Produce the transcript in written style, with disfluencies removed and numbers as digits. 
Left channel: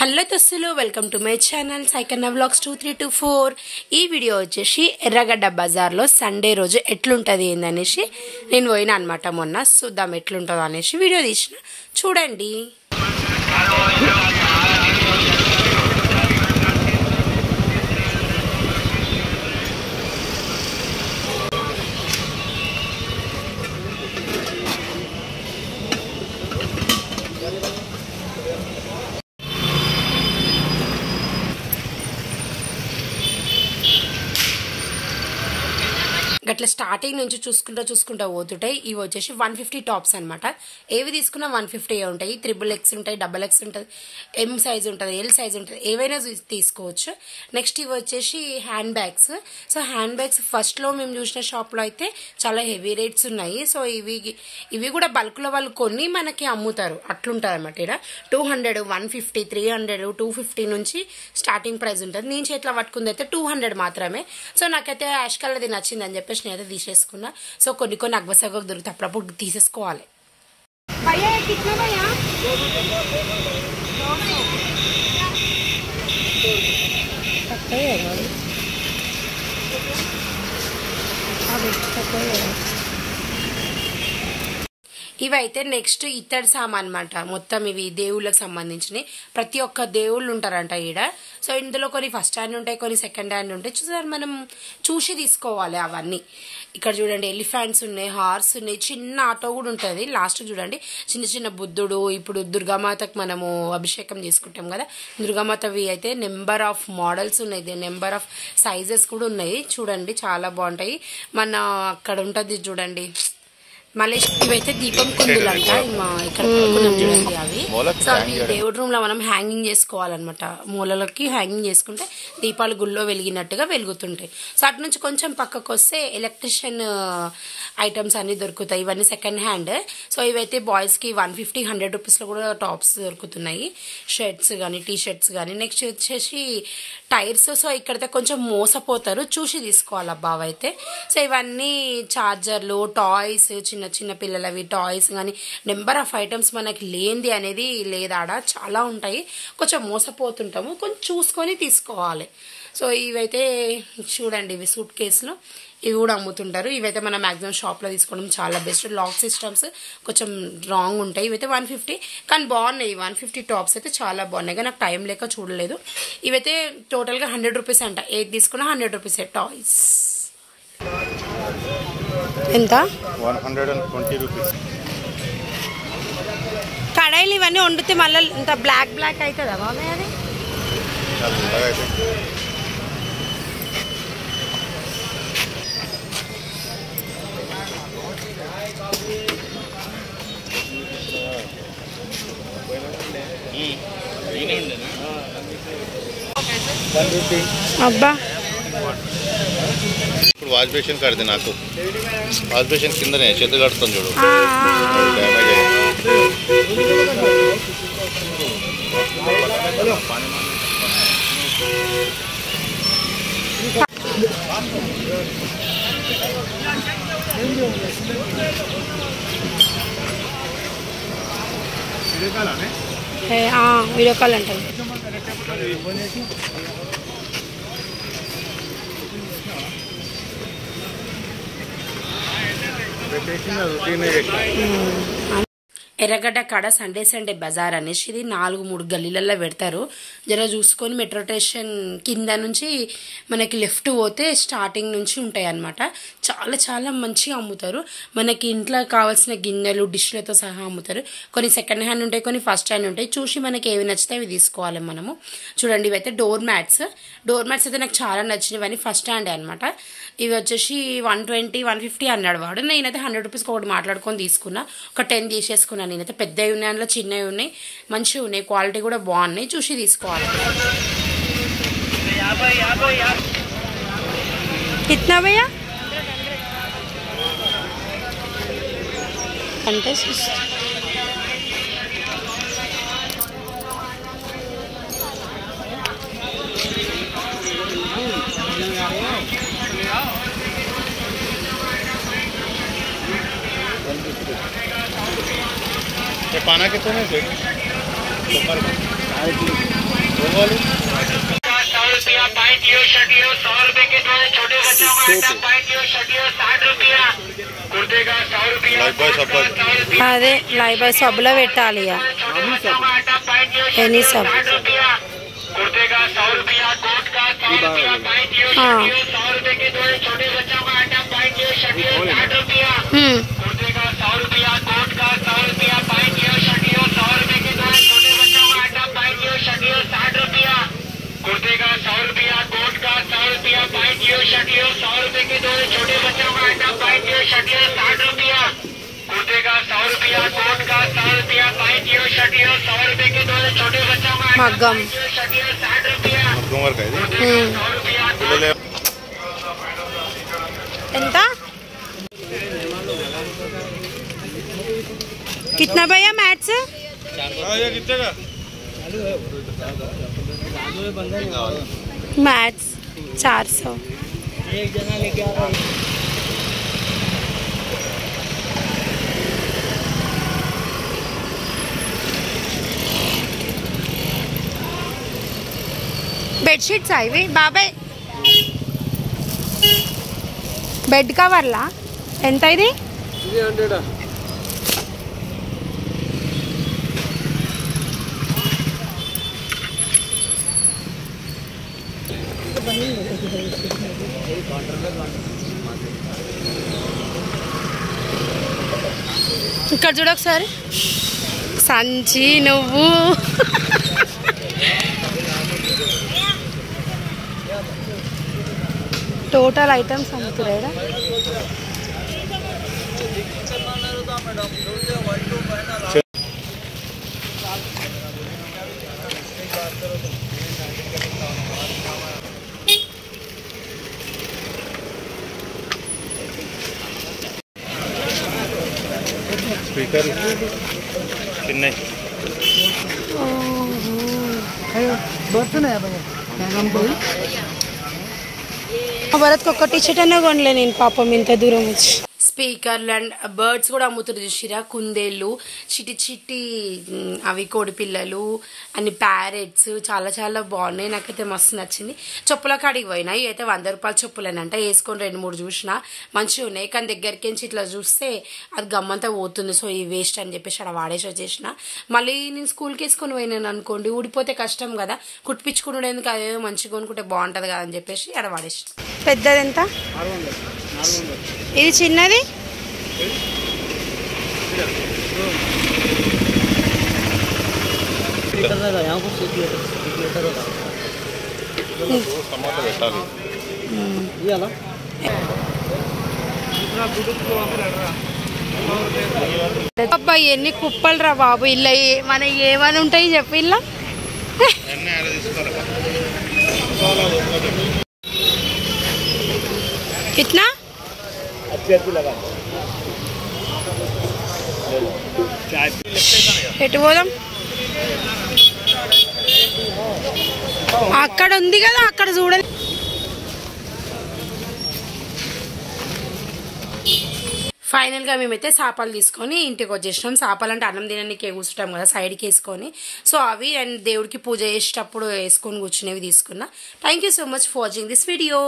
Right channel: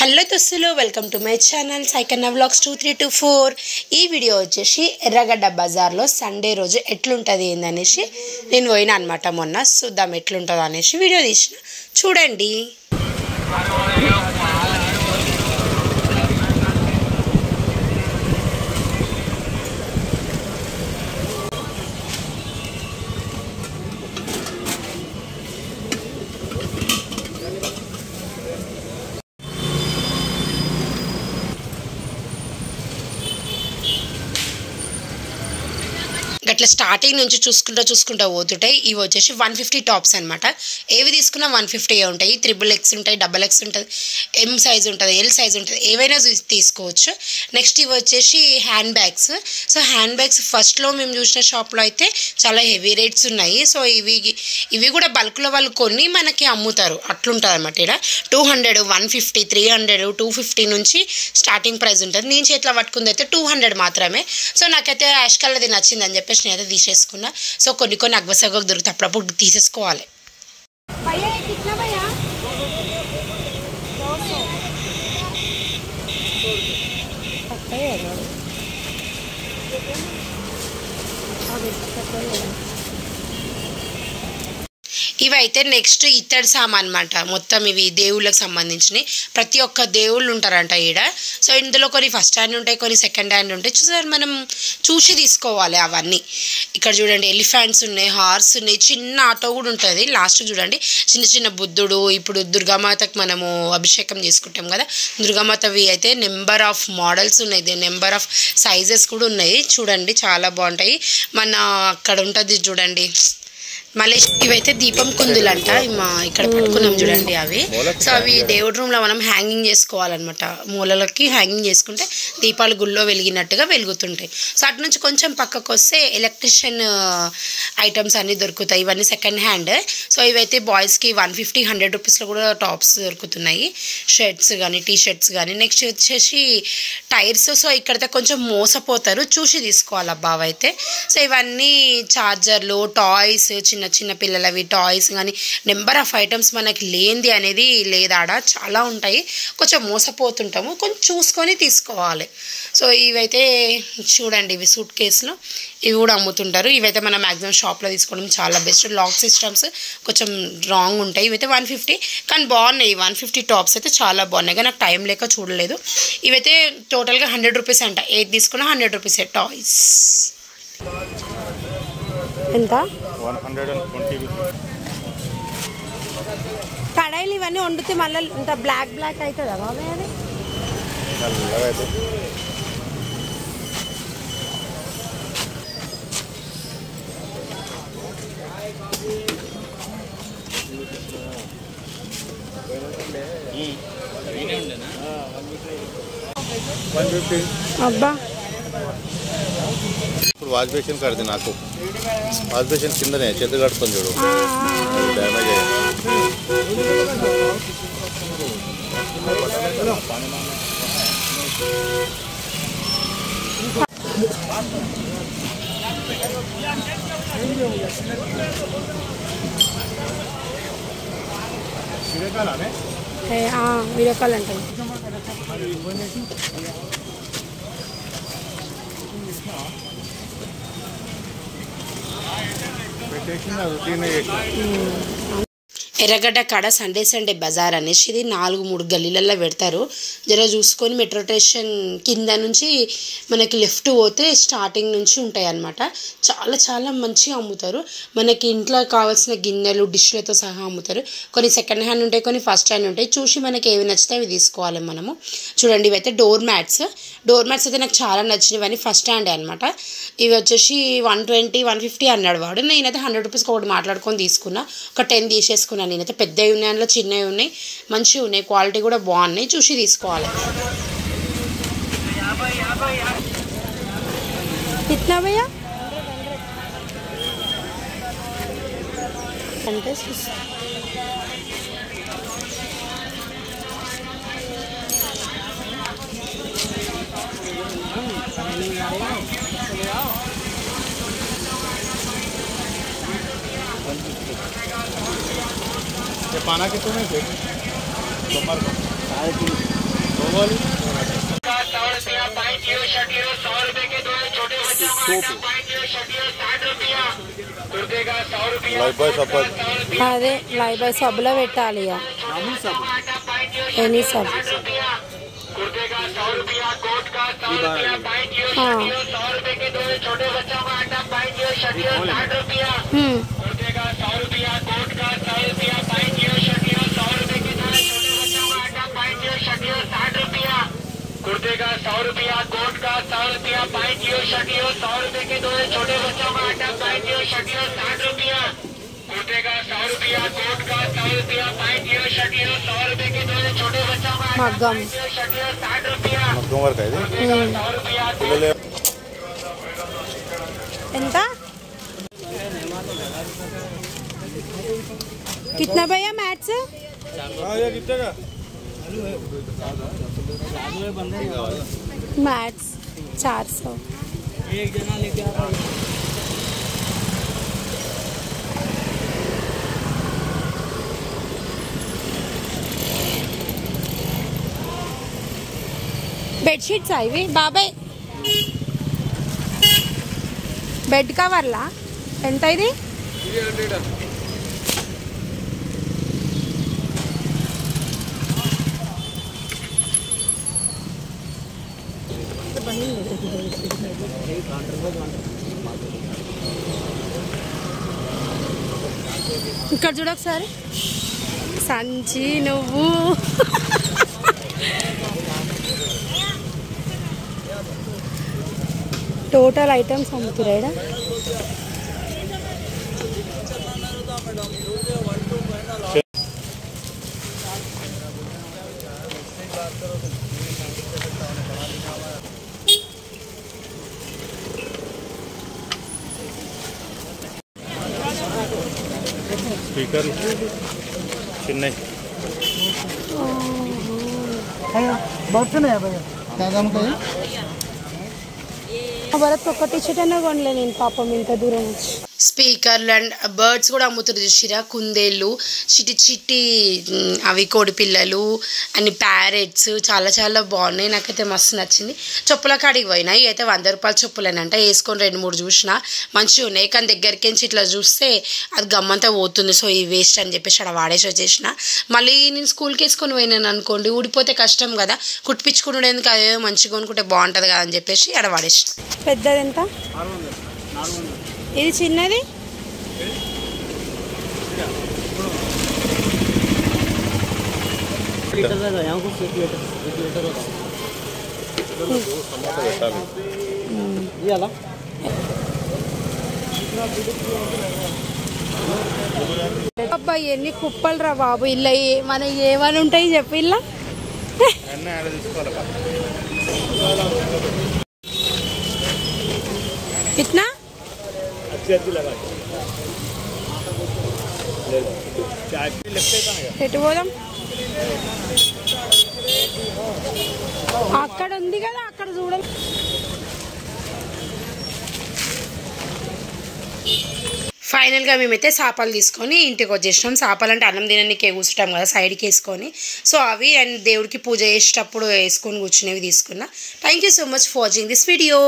Hello దోస్తులు, welcome to my channel Saikanna vlogs 2324. ఈ video వచ్చేసి ఎర్రగడ్డ బజార్లో సండే రోజు ఎట్లుంటుంది ఏందనేసి నేను పోయినా అనమాట. మొన్న చూద్దాం ఎట్లుంటుందో అనేసి వీడియో తీసిన, చూడండి. అట్లా స్టార్టింగ్ నుంచి చూసుకుంటా పోతుంటాయి. ఇవి వచ్చేసి 150 టాప్స్ అనమాట. ఏవి తీసుకున్నా 150 ఉంటాయి. XXX ఉంటాయి, XX ఉంటుంది, M సైజ్ ఉంటుంది, L సైజ్ ఉంటుంది, ఏవైనా తీసుకోవచ్చు. నెక్స్ట్ ఇవి వచ్చేసి hand bags. So hand bags ఫస్ట్లో మేము చూసిన షాప్లో అయితే చాలా హెవీ రేట్స్ ఉన్నాయి. సో ఇవి కూడా బల్క్లో వాళ్ళు కొన్ని మనకి అమ్ముతారు, అట్లుంటుంది అనమాట. ఇక్కడ 200, 150, 300, 250 నుంచి స్టార్టింగ్ ప్రైస్ ఉంటుంది. నేను చేతిలో పట్టుకుంది అయితే 200 మాత్రమే. సో నాకైతే యాష్ కలర్ది నచ్చిందని చెప్పేసి నేనైతే తీసేసుకున్నా. సో కొన్ని అగ్వసగకు దొరుకుతాయి, అప్పుడప్పుడు తీసేసుకోవాలి. ఇవైతే నెక్స్ట్ ఇత్తడి సామాన్ అనమాట. మొత్తం ఇవి దేవుళ్ళకి సంబంధించినవి. ప్రతి ఒక్క దేవుళ్ళు ఉంటారంట ఈడ. సో ఇందులో కొన్ని ఫస్ట్ హ్యాండ్ ఉంటాయి, కొన్ని సెకండ్ హ్యాండ్ ఉంటాయి. చూసారు, మనం చూసి తీసుకోవాలి అవన్నీ. ఇక్కడ చూడండి, ఎలిఫెంట్స్ ఉన్నాయి, హార్స్ ఉన్నాయి, చిన్న ఆటో కూడా ఉంటుంది. లాస్ట్ చూడండి చిన్న బుద్ధుడు. ఇప్పుడు దుర్గామాతకు మనము అభిషేకం చేసుకుంటాం కదా, దుర్గామాతవి అయితే నెంబర్ ఆఫ్ మోడల్స్ ఉన్నాయి, నెంబర్ ఆఫ్ సైజెస్ కూడా ఉన్నాయి. చూడండి చాలా బాగుంటాయి. మన అక్కడ ఉంటుంది చూడండి మళ్ళీ. ఇవైతే దీపం కుందులు అంట, ఇక్కడ పట్టుకున్నాం చూడండి అవి. సో అవి దేవుడి రూమ్లో మనం హ్యాంగింగ్ చేసుకోవాలన్నమాట. మూలలకి హ్యాంగింగ్ చేసుకుంటే దీపాలు గుళ్ళో వెలిగినట్టుగా వెలుగుతుంటాయి. సో అటు నుంచి కొంచెం పక్కకు వస్తే ఎలక్ట్రిషియన్ ఐటమ్స్ అన్నీ దొరుకుతాయి. ఇవన్నీ సెకండ్ హ్యాండ్. సో ఇవైతే బాయ్స్కి 150, 100 రూపీస్లో కూడా టాప్స్ దొరుకుతున్నాయి, షర్ట్స్ కానీ టీ షర్ట్స్ కానీ. నెక్స్ట్ వచ్చేసి టైర్స్. సో ఇక్కడైతే కొంచెం మోసపోతారు, చూసి తీసుకోవాలి అబ్బావ అయితే. సో ఇవన్నీ చార్జర్లు, టాయ్స్, చిన్న పిల్లలవి టాయ్స్ కానీ నెంబర్ ఆఫ్ ఐటమ్స్ మనకి లేనిది అనేది లేదాడ, చాలా ఉంటాయి. కొంచెం మోసపోతుంటాము, కొంచెం చూసుకొని తీసుకోవాలి. సో ఇవైతే చూడండి, ఇవి సూట్ కేసులు, ఇవి కూడా అమ్ముతుంటారు. ఇవైతే మనం మ్యాక్సిమం షాప్లో తీసుకోవడం చాలా బెస్ట్. లాక్ సిస్టమ్స్ కొంచెం రాంగ్ ఉంటాయి. ఇవైతే 150 కానీ బాగున్నాయి. 150 టాప్స్ అయితే చాలా బాగున్నాయి, కానీ నాకు టైం లేక చూడలేదు. ఇవైతే టోటల్గా 100 రూపీస్ అంట. ఏది తీసుకున్నా 100 రూపీసే టాయ్స్. ఎంత? 120 రూపీస్. కడాయిలు ఇవన్నీ వండితే మళ్ళీ ఇంత బ్లాక్ అవుతుందా బాబాయ్? అది అబ్బా, ఇప్పుడు వాష్ బేసిన్ కడితే నాకు వాష్ బేసిన్ కిందనే చేతులు కడుతుంది చూడు. వీడియో కాల్ అంటారు. ఎర్రగడ్డ కాడ సండే బజార్ అనేసి ఇది 4-3 గల్లీలలో పెడతారు. జర చూసుకొని మెట్రో స్టేషన్ కింద నుంచి మనకి లెఫ్ట్ పోతే స్టార్టింగ్ నుంచి ఉంటాయి అన్నమాట. చాలా మంచిగా అమ్ముతారు. మనకి ఇంట్లో కావాల్సిన గిన్నెలు, డిష్లతో సహా అమ్ముతారు. కొన్ని సెకండ్ హ్యాండ్ ఉంటాయి, కొన్ని ఫస్ట్ హ్యాండ్ ఉంటాయి. చూసి మనకి ఏవి నచ్చితే అవి తీసుకోవాలి మనము. చూడండి, ఇవైతే డోర్ మ్యాట్స్ అయితే నాకు చాలా నచ్చినవి. ఇవన్నీ ఫస్ట్ హ్యాండే అనమాట. ఇవి వచ్చేసి 120, 150 అన్నాడు వాడు. నేనైతే 100 రూపీస్కి ఒకటి మాట్లాడుకొని తీసుకున్నా. ఒక 10 తీసేసుకున్నాను. నేనైతే పెద్దవి ఉన్నాయి, అందులో చిన్నవి ఉన్నాయి, మంచిగా ఉన్నాయి, క్వాలిటీ కూడా బాగున్నాయి. చూసి తీసుకోవాలి. कितना भैया? అంటే ये पाना कितने में అదే లైవ్ బాయ్ సబ్బులో పెట్టాలి ఇక ఎనీ సబ్ कुर्ते का 100 रुपया, कोट का 100 रुपया, पैंट लियो, शर्ट लियो, 100 रुपए के दो छोटे बच्चों का आइटम, पैंट लियो, शर्ट लियो, 60 रुपया। कुर्ते का 100 रुपया, कोट का 100 रुपया, पैंट लियो, शर्ट लियो, 100 रुपए के दो छोटे बच्चों का आइटम, मग्गम शर्ट लियो, 60 रुपया। मग्गम वर्क है कुर्ते का 100 रुपया, ఎంత कितना भैया मैथ्स मैथ्स 400 एक जना लेके आ रहा है। బెడ్షీట్స్ ఇవి బాబాయ్ బెడ్ కవర్లా ఎంత ఇది 300 ఇక్కడ చూడ ఒకసారి సంచి నువ్వు టోటల్ ఐటమ్స్ అమ్ముతురా स्पीकर चिन्नई భరత్కి ఒక్క టీషర్ట్ అన్నా కొనలే నేను పాపం ఇంత దూరం వచ్చి స్పీకర్లు అండ్ బర్డ్స్ కూడా అమ్ముతారు చూసిరా కుందేళ్ళు చిట్టి చిట్టి అవి కోడి పిల్లలు అండ్ ప్యారెట్స్ చాలా చాలా బాగున్నాయి నాకైతే మస్తు నచ్చింది చెప్పుల కాడికి పోయినాయి అయితే 100 రూపాయల చెప్పులేనంట వేసుకొని 2-3 చూసిన మంచిగా ఉన్నాయి కానీ దగ్గరికి ఇట్లా చూస్తే అది గమ్మంతా పోతుంది సో ఈ వేస్ట్ అని చెప్పేసి అక్కడ వాడేసి వచ్చేసిన మళ్ళీ నేను స్కూల్కి వేసుకొని పోయినాను అనుకోండి ఊడిపోతే కష్టం కదా కుట్టించుకున్నాడు ఎందుకు అదే మంచిగా కొనుక్కుంటే బాగుంటుంది కదా అని చెప్పేసి అక్కడ వాడేసిన పెద్దది ఎంత ఇది చిన్నది అబ్బాయి ఎన్ని కుప్పలు రా బాబు ఇల్లు మన ఏమని ఉంటాయి చెప్పి ఇల్లా कितना ఎటు పోదాం అక్కడ ఉంది కదా అక్కడ చూడండి ఫైనల్గా మేమైతే చేపలు తీసుకొని ఇంటికి వచ్చేసినాం చేపలు అంటే అన్నం తినడానికి కూర్చుంటాం కదా సైడ్కి వేసుకొని సో అవి అండ్ దేవుడికి పూజ చేసేటప్పుడు వేసుకొని కూర్చునేవి తీసుకున్నా thank you so much for watching this video